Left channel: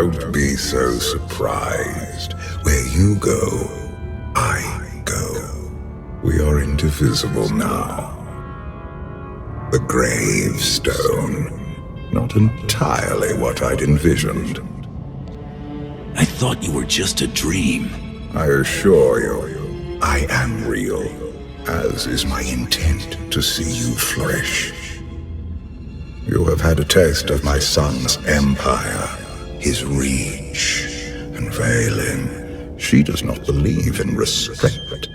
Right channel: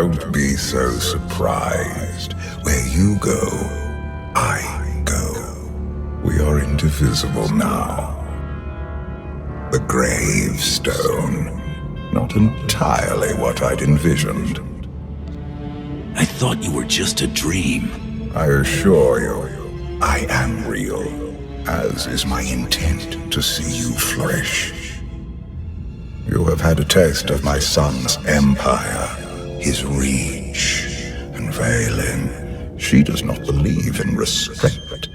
Don't be so surprised. Where you go, I go. We are indivisible now. The Gravestone. Not entirely what I'd envisioned. I thought you were just a dream. I assure you, I am real, as is my intent to see you flourish. You have had a taste of my son's empire, his reach, and Vaylin. She does not believe in respect.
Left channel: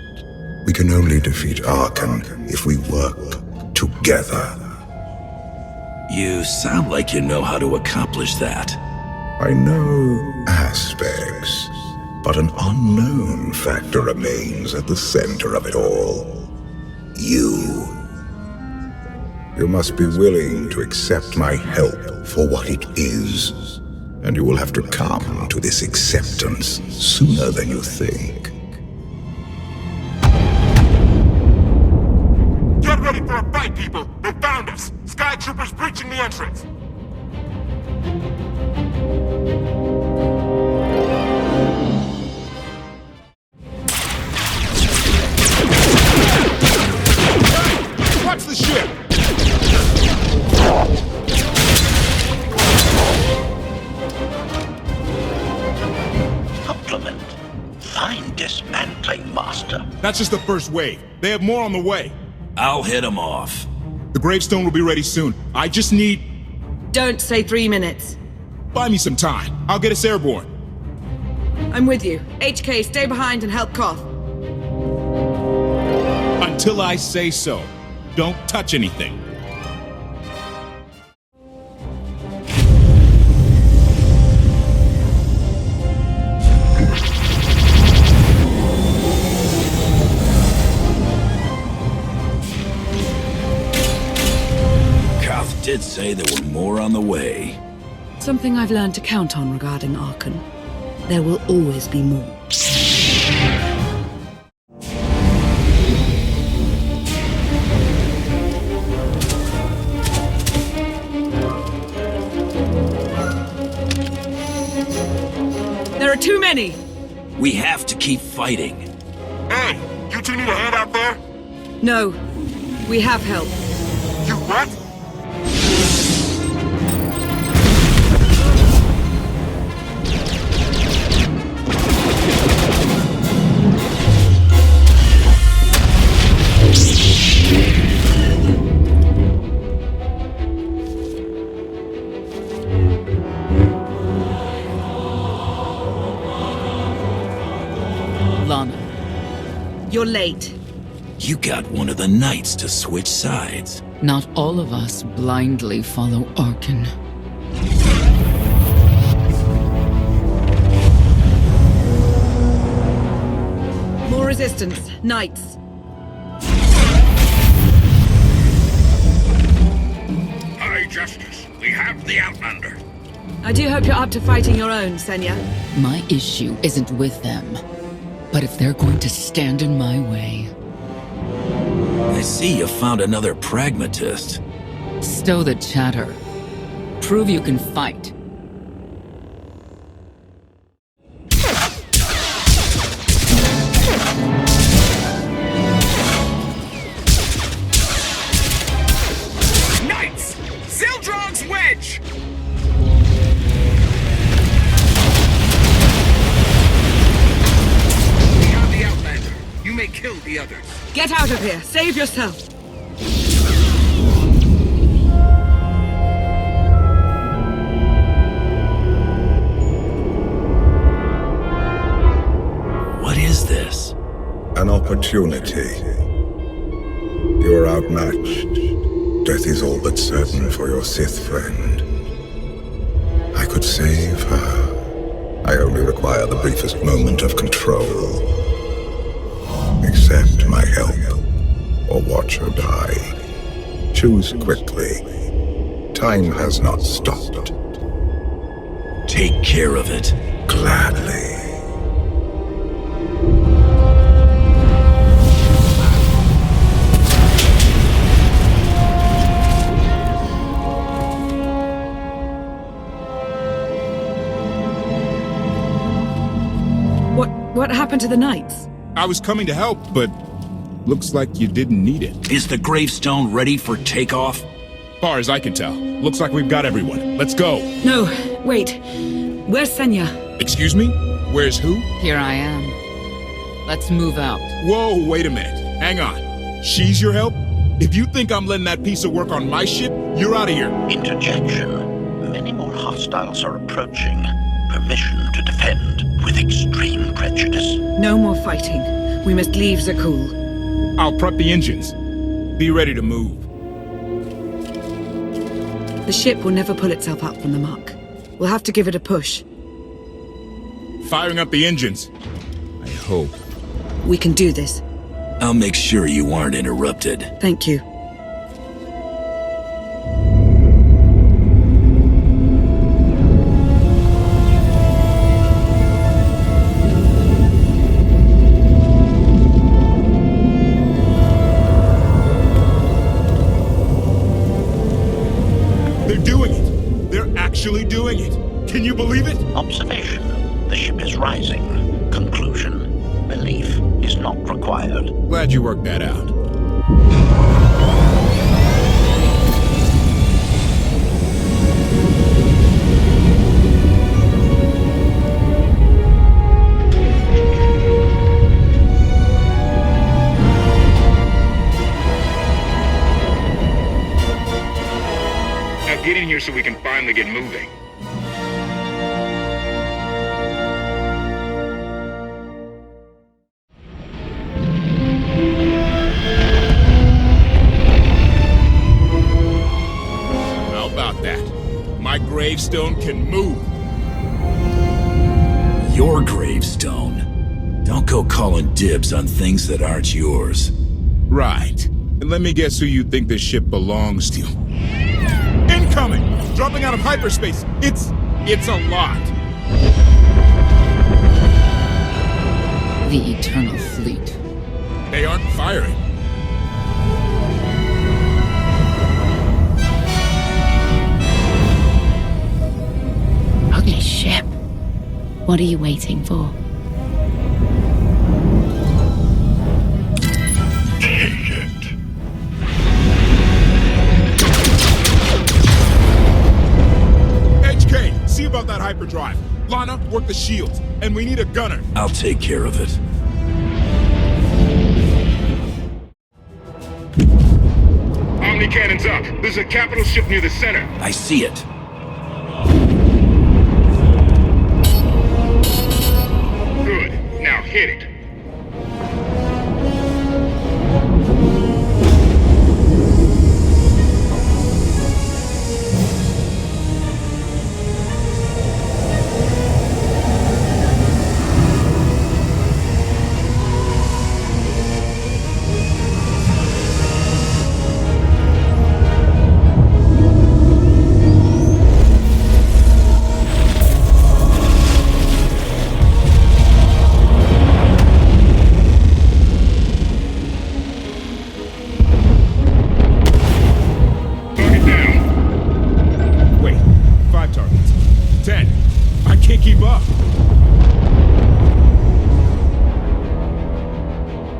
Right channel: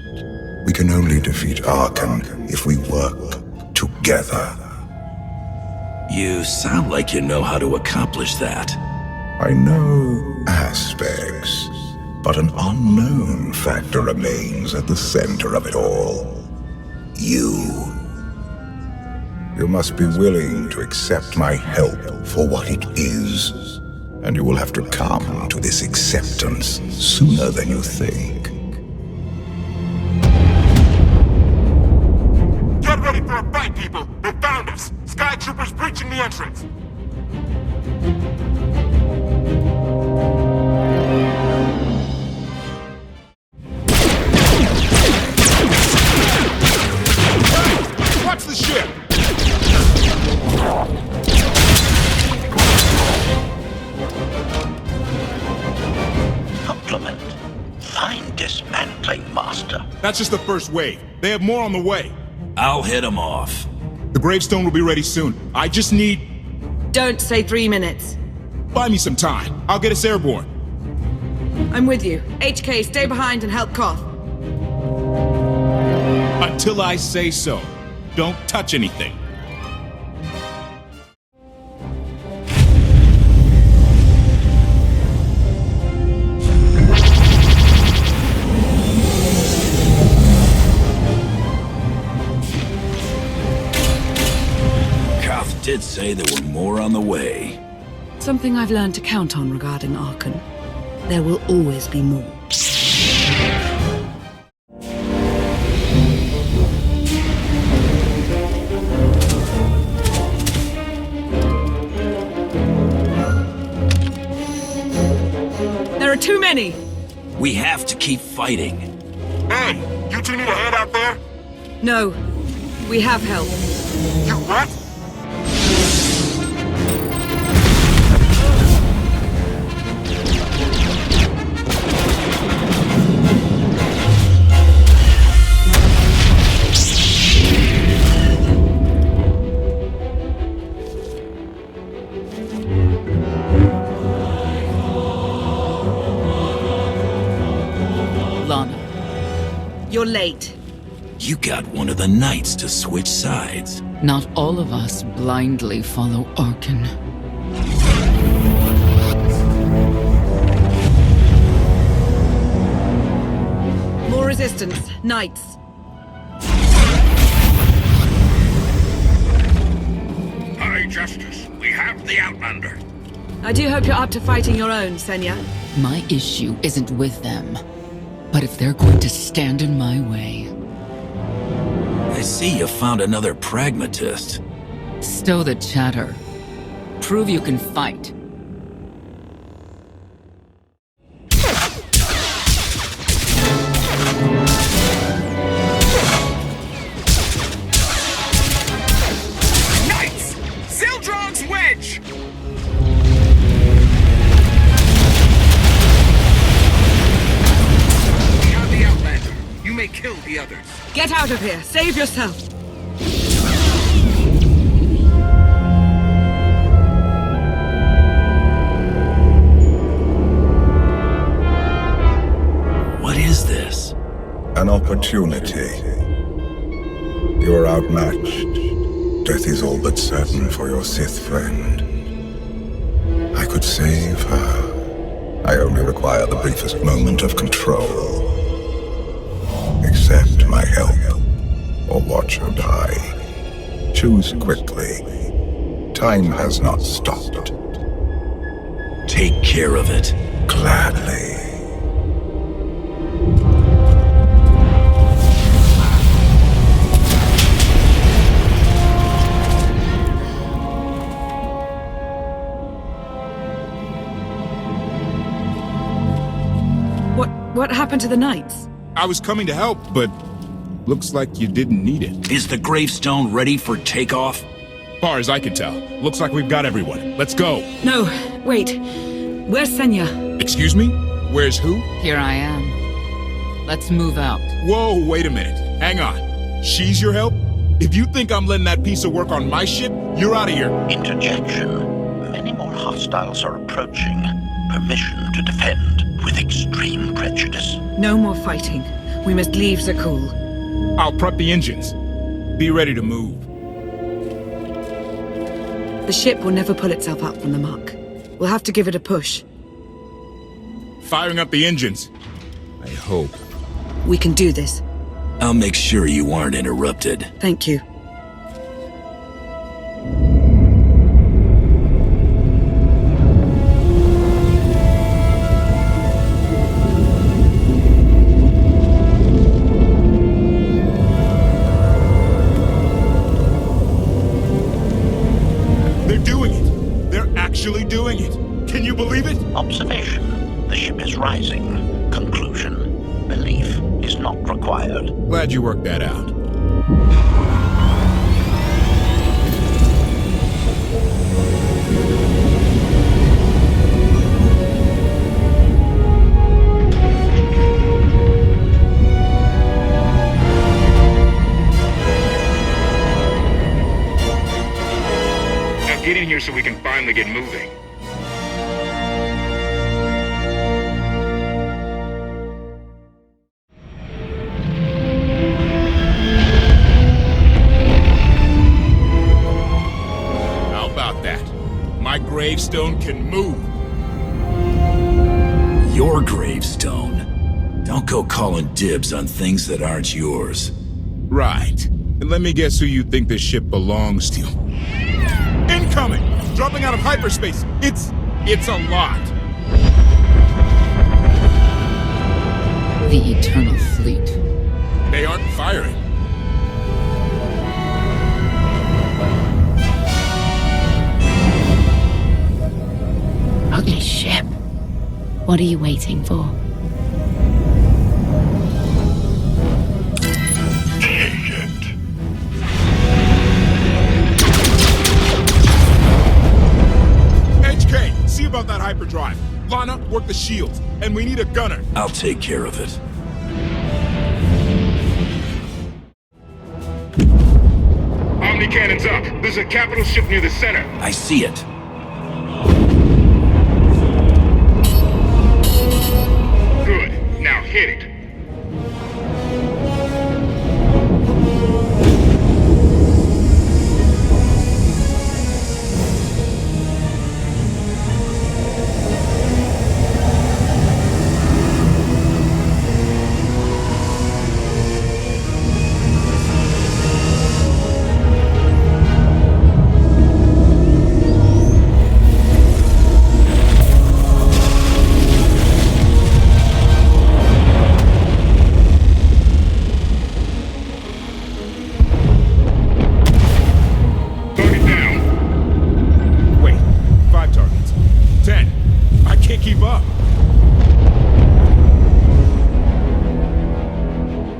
We can only defeat Arcan if we work together. You sound like you know how to accomplish that. I know aspects, but an unknown factor remains at the center of it all. You. You must be willing to accept my help for what it is, and you will have to come to this acceptance sooner than you think. Get ready for a fight, people! They found us! Sky Troopers breaching the entrance! Hey! Watch the ship! Compliment. Fine dismantling, Master. That's just the first wave. They have more on the way. I'll hit them off. The Gravestone will be ready soon. I just need... Don't say 3 minutes. Buy me some time. I'll get us airborne. I'm with you. HK, stay behind and help Koth. Until I say so. Don't touch anything. Koth did say there were more on the way. Something I've learned to count on regarding Arcan. There will always be more. There are too many! We have to keep fighting. Hey! You two need a hand out there? No. We have help. You what? Lana. You're late. You got one of the knights to switch sides. Not all of us blindly follow Arcan. More resistance. Knights. High Justice, we have the Outlander. I do hope you're up to fighting your own, Senya. My issue isn't with them. But if they're going to stand in my way... I see you found another pragmatist. Stow the chatter. Prove you can fight. Knights! Zildrog's wedge! We have the Outlander. You may kill the others. Get out of here. Save yourself. What is this? An opportunity. You're outmatched. Death is all but certain for your Sith friend. I could save her. I only require the briefest moment of control. Accept my help, or watch her die. Choose quickly. Time has not stopped. Take care of it. Gladly. What happened to the knights? I was coming to help, but looks like you didn't need it. Is the gravestone ready for takeoff? Far as I can tell, looks like we've got everyone. Let's go. No, wait. Where's Senya? Excuse me? Where's who? Here I am. Let's move out. Whoa, wait a minute. Hang on. She's your help? If you think I'm letting that piece of work on my ship, you're out of here. Interjection. Many more hostiles are approaching. Permission to defend with extreme prejudice. No more fighting. We must leave Zakul. I'll prep the engines. Be ready to move. The ship will never pull itself up from the muck. We'll have to give it a push. Firing up the engines. I hope. We can do this. I'll make sure you aren't interrupted. Thank you. They're doing it. They're actually doing it. Can you believe it? Observation. The ship is rising. Conclusion. Belief is not required. Glad you worked that out. Now get in here so we can finally get moving. How about that? My gravestone can move. Your gravestone? Don't go calling dibs on things that aren't yours. Right. And let me guess who you think this ship belongs to. Incoming! Dropping out of hyperspace! It's a lot. The Eternal Fleet. They aren't firing. Ugly ship. What are you waiting for? Take it. HK, see about that hyperdrive. Lana, work the shields. And we need a gunner. I'll take care of it. Omni cannons up. There's a capital ship near the center. I see it. Good. Now hit it. Wait, 5 targets. 10. I can't keep up.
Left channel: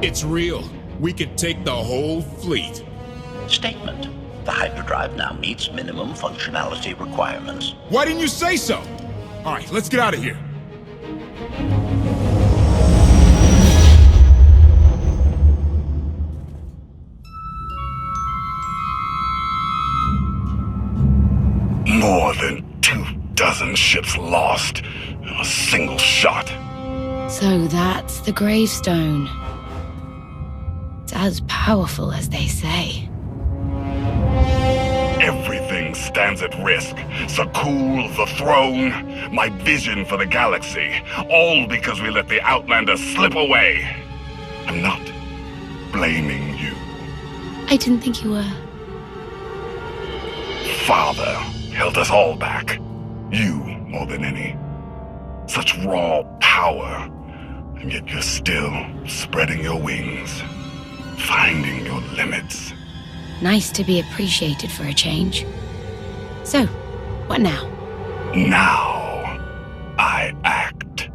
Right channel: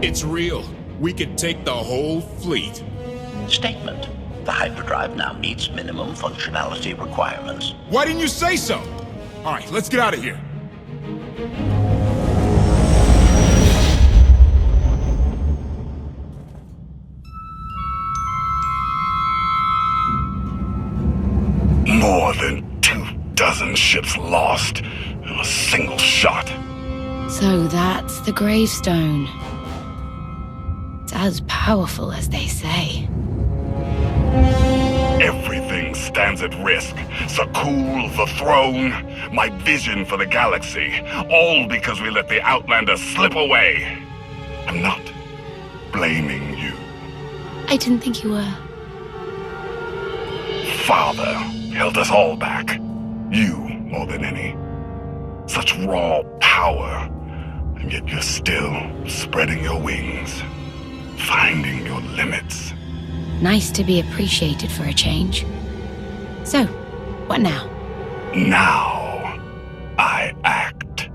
It's real. We could take the whole fleet. Statement. The hyperdrive now meets minimum functionality requirements. Why didn't you say so? All right, let's get out of here. More than 24 ships lost in a single shot. So that's the gravestone. It's as powerful as they say. Everything stands at risk. Zakul, the throne, my vision for the galaxy. All because we let the Outlanders slip away. I'm not blaming you. I didn't think you were. Father held us all back. You more than any. Such raw power, and yet you're still spreading your wings, finding your limits. Nice to be appreciated for a change. So, what now? Now, I act.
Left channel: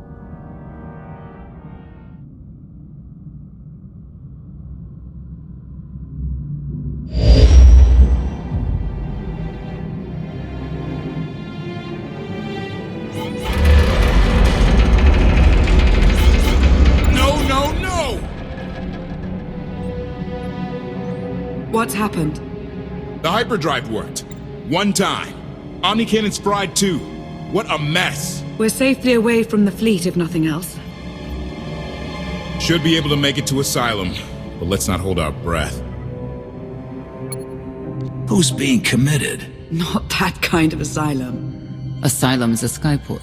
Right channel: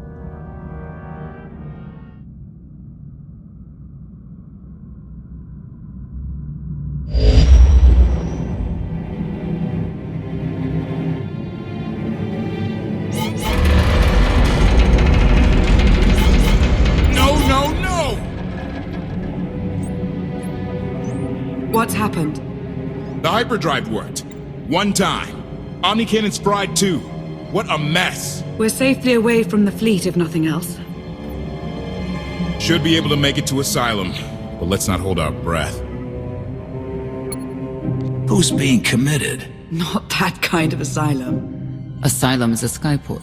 What's happened? The hyperdrive worked. One time. Omnicannon's fried too. What a mess. We're safely away from the fleet, if nothing else. Should be able to make it to Asylum, but let's not hold our breath. Who's being committed? Not that kind of asylum. Asylum is a skyport.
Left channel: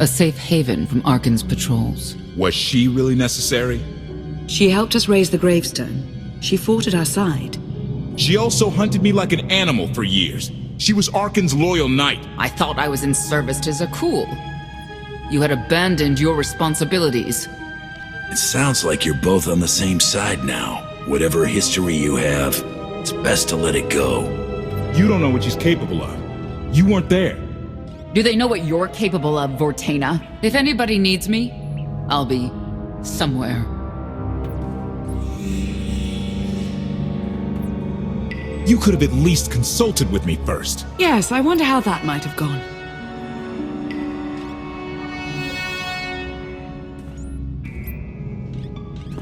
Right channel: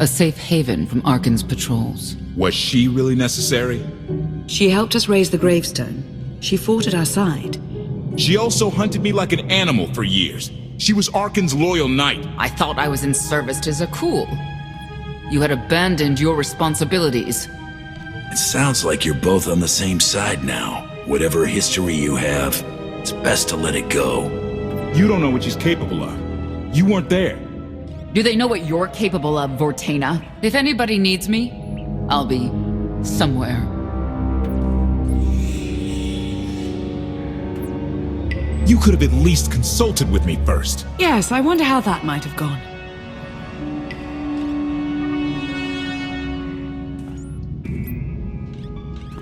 A safe haven from Arcan's patrols. Was she really necessary? She helped us raise the Gravestone. She fought at our side. She also hunted me like an animal for years. She was Arcan's loyal knight. I thought I was in service to Zakul. You had abandoned your responsibilities. It sounds like you're both on the same side now. Whatever history you have, it's best to let it go. You don't know what she's capable of. You weren't there. Do they know what you're capable of, Vortana? If anybody needs me, I'll be somewhere. You could have at least consulted with me first. Yes, I wonder how that might have gone.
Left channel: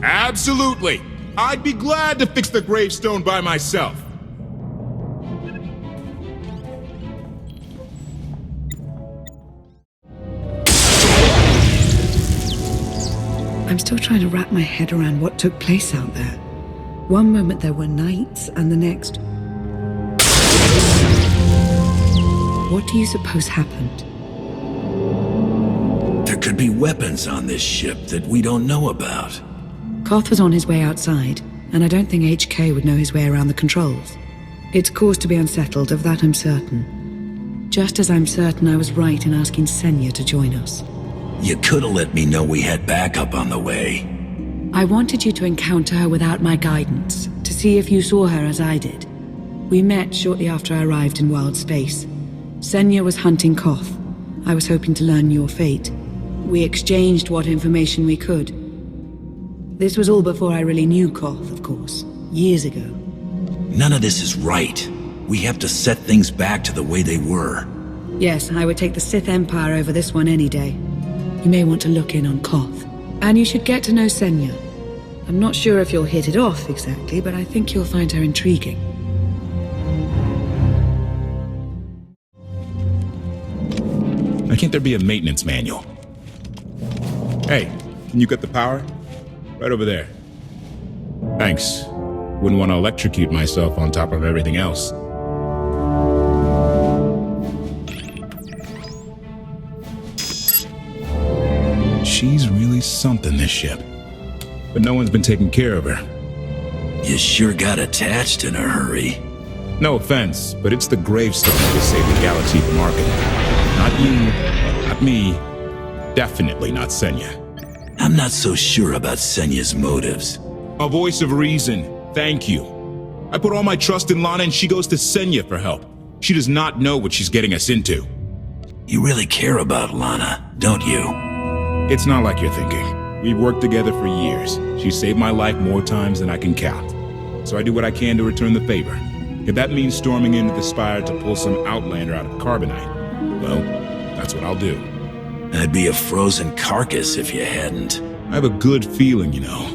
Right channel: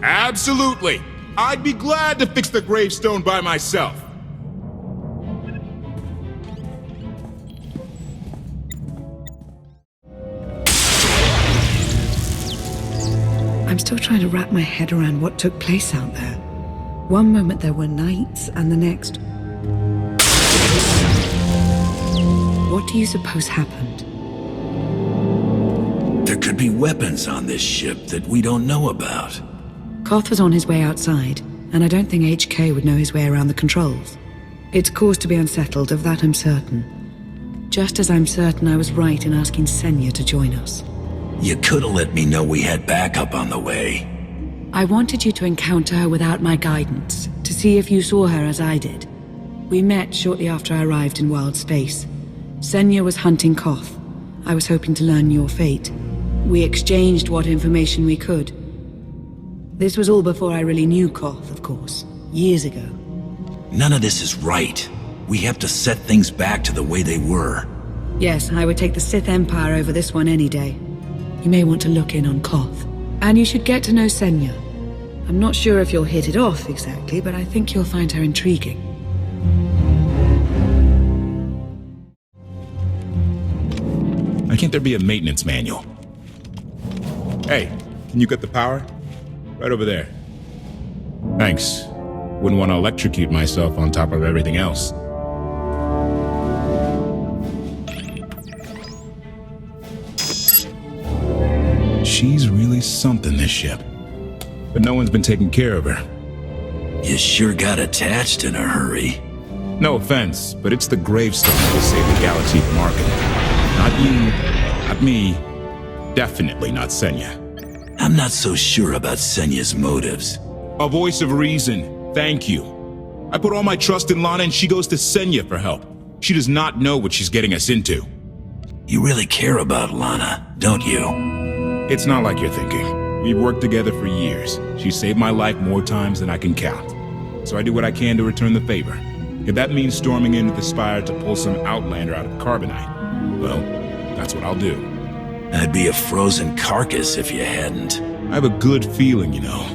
Absolutely. I'd be glad to fix the Gravestone by myself. I'm still trying to wrap my head around what took place out there. One moment there were knights, and the next... What do you suppose happened? There could be weapons on this ship that we don't know about. Koth was on his way outside, and I don't think HK would know his way around the controls. It's cause to be unsettled, of that I'm certain. Just as I'm certain I was right in asking Senya to join us. You could have let me know we had backup on the way. I wanted you to encounter her without my guidance, to see if you saw her as I did. We met shortly after I arrived in wild space. Senya was hunting Koth. I was hoping to learn your fate. We exchanged what information we could. This was all before I really knew Koth, of course. Years ago. None of this is right. We have to set things back to the way they were. Yes, I would take the Sith Empire over this one any day. You may want to look in on Koth. And you should get to know Senya. I'm not sure if you'll hit it off exactly, but I think you'll find her intriguing. Why can't there be a maintenance manual? Hey, can you get the power? Right over there. Thanks. Wouldn't want to electrocute myself on top of everything else. She's really something, this ship. But no one's been taking care of her. You sure got attached in a hurry. No offense, but it's the Gravestone that will save the galaxy from Arcan. Not you, not me, definitely not Senya. I'm not so sure about Senya's motives. A voice of reason, thank you. I put all my trust in Lana and she goes to Senya for help. She does not know what she's getting us into. You really care about Lana, don't you? It's not like you're thinking. We've worked together for years. She saved my life more times than I can count. So I do what I can to return the favor. If that means storming into the Spire to pull some Outlander out of Carbonite, well, that's what I'll do. I'd be a frozen carcass if you hadn't. I have a good feeling, you know.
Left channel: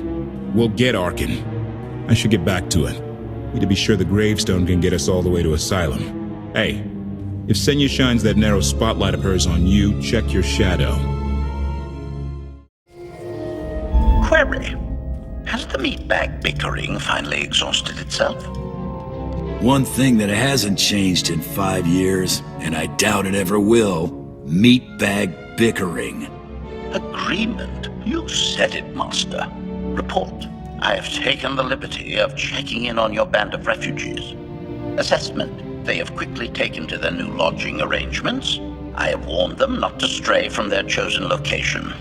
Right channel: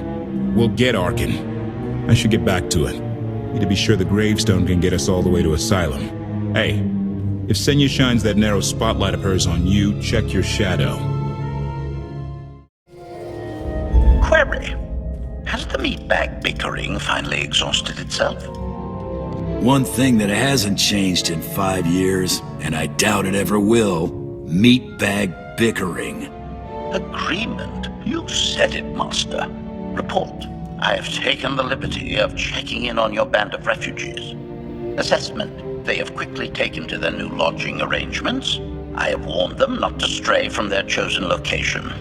We'll get Arcan. I should get back to it. Need to be sure the Gravestone can get us all the way to Asylum. Hey, if Senya shines that narrow spotlight of hers on you, check your shadow. Query. Has the meatbag bickering finally exhausted itself? One thing that hasn't changed in 5 years, and I doubt it ever will, meatbag bickering. Agreement? You said it, Master. Report. I have taken the liberty of checking in on your band of refugees. Assessment. They have quickly taken to their new lodging arrangements. I have warned them not to stray from their chosen location.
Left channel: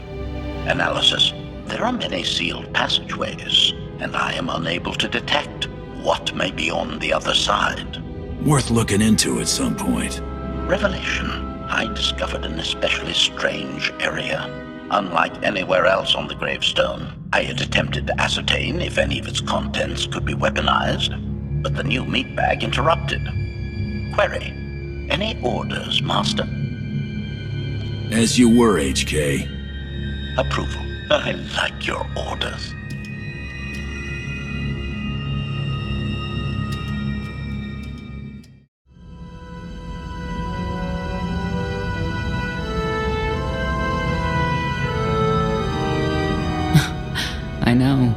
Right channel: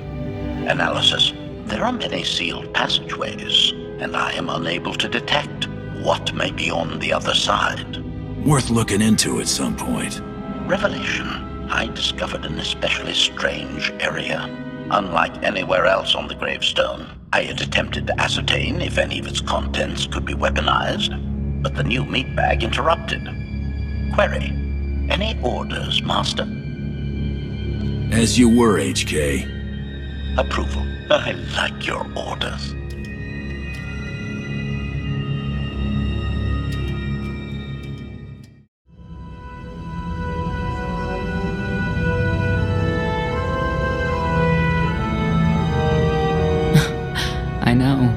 Analysis. There are many sealed passageways, and I am unable to detect what may be on the other side. Worth looking into at some point. Revelation. I discovered an especially strange area. Unlike anywhere else on the Gravestone, I had attempted to ascertain if any of its contents could be weaponized, but the new meatbag interrupted. Query. Any orders, Master? As you were, HK. Approval. I like your orders. I know.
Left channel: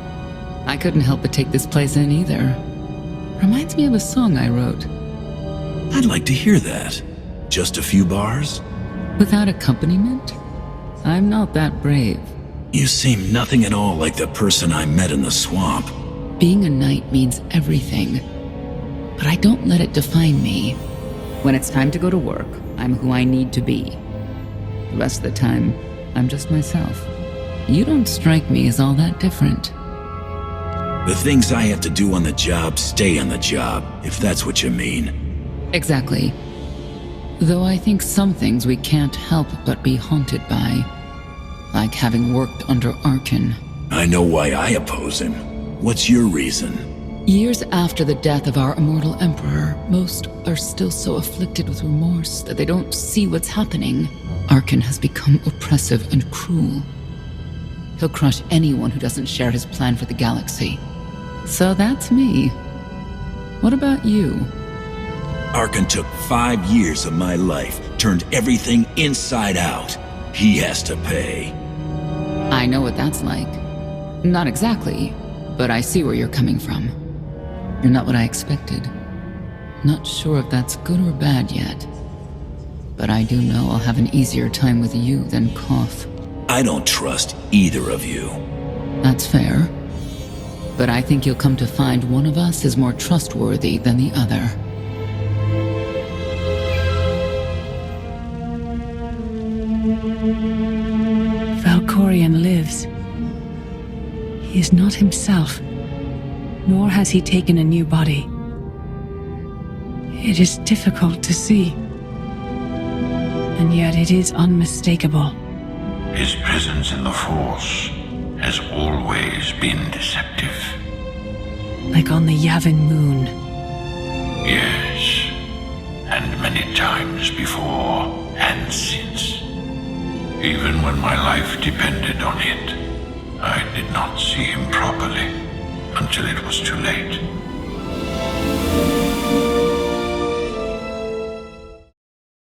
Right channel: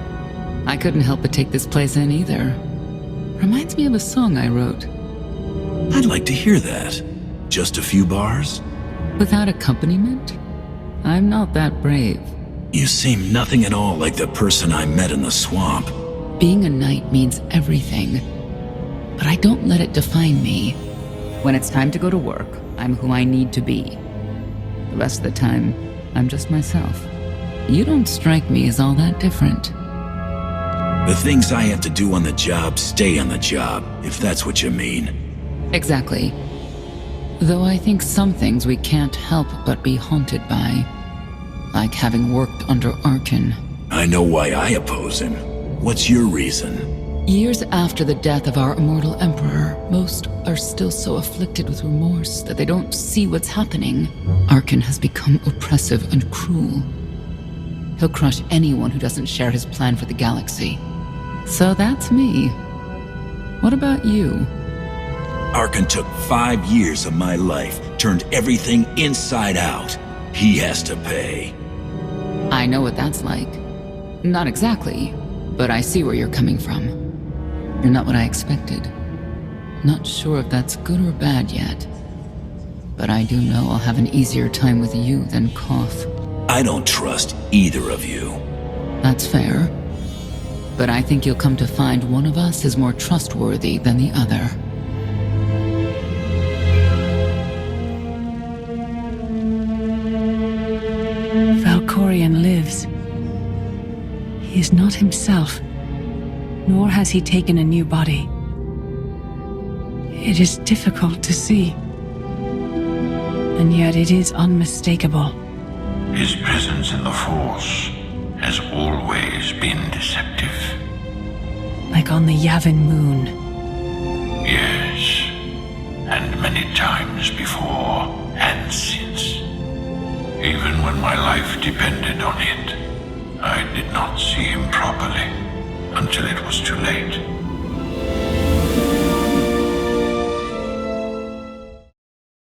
I couldn't help but take this place in either. Reminds me of a song I wrote. I'd like to hear that. Just a few bars? Without accompaniment? I'm not that brave. You seem nothing at all like the person I met in the swamp. Being a knight means everything. But I don't let it define me. When it's time to go to work, I'm who I need to be. The rest of the time, I'm just myself. You don't strike me as all that different. The things I have to do on the job stay on the job, if that's what you mean. Exactly. Though I think some things we can't help but be haunted by. Like having worked under Arcan. I know why I oppose him. What's your reason? Years after the death of our immortal emperor, most are still so afflicted with remorse that they don't see what's happening. Arcan has become oppressive and cruel. He'll crush anyone who doesn't share his plan for the galaxy. So that's me. What about you? Arcan took 5 years of my life, turned everything inside out. He has to pay. I know what that's like. Not exactly, but I see where you're coming from. You're not what I expected. Not sure if that's good or bad yet. But I do know I'll have an easier time with you than Koth. I don't trust either of you. That's fair. But I think you'll come to find one of us is more trustworthy than the other. Valkorion lives. He is not himself, nor has he taken a new body. It is difficult to see, and yet it is unmistakable. His presence in the Force has always been deceptive. Like on the Yavin moon. Yes, and many times before and since. Even when my life depended on it, I did not see him properly until it was too late.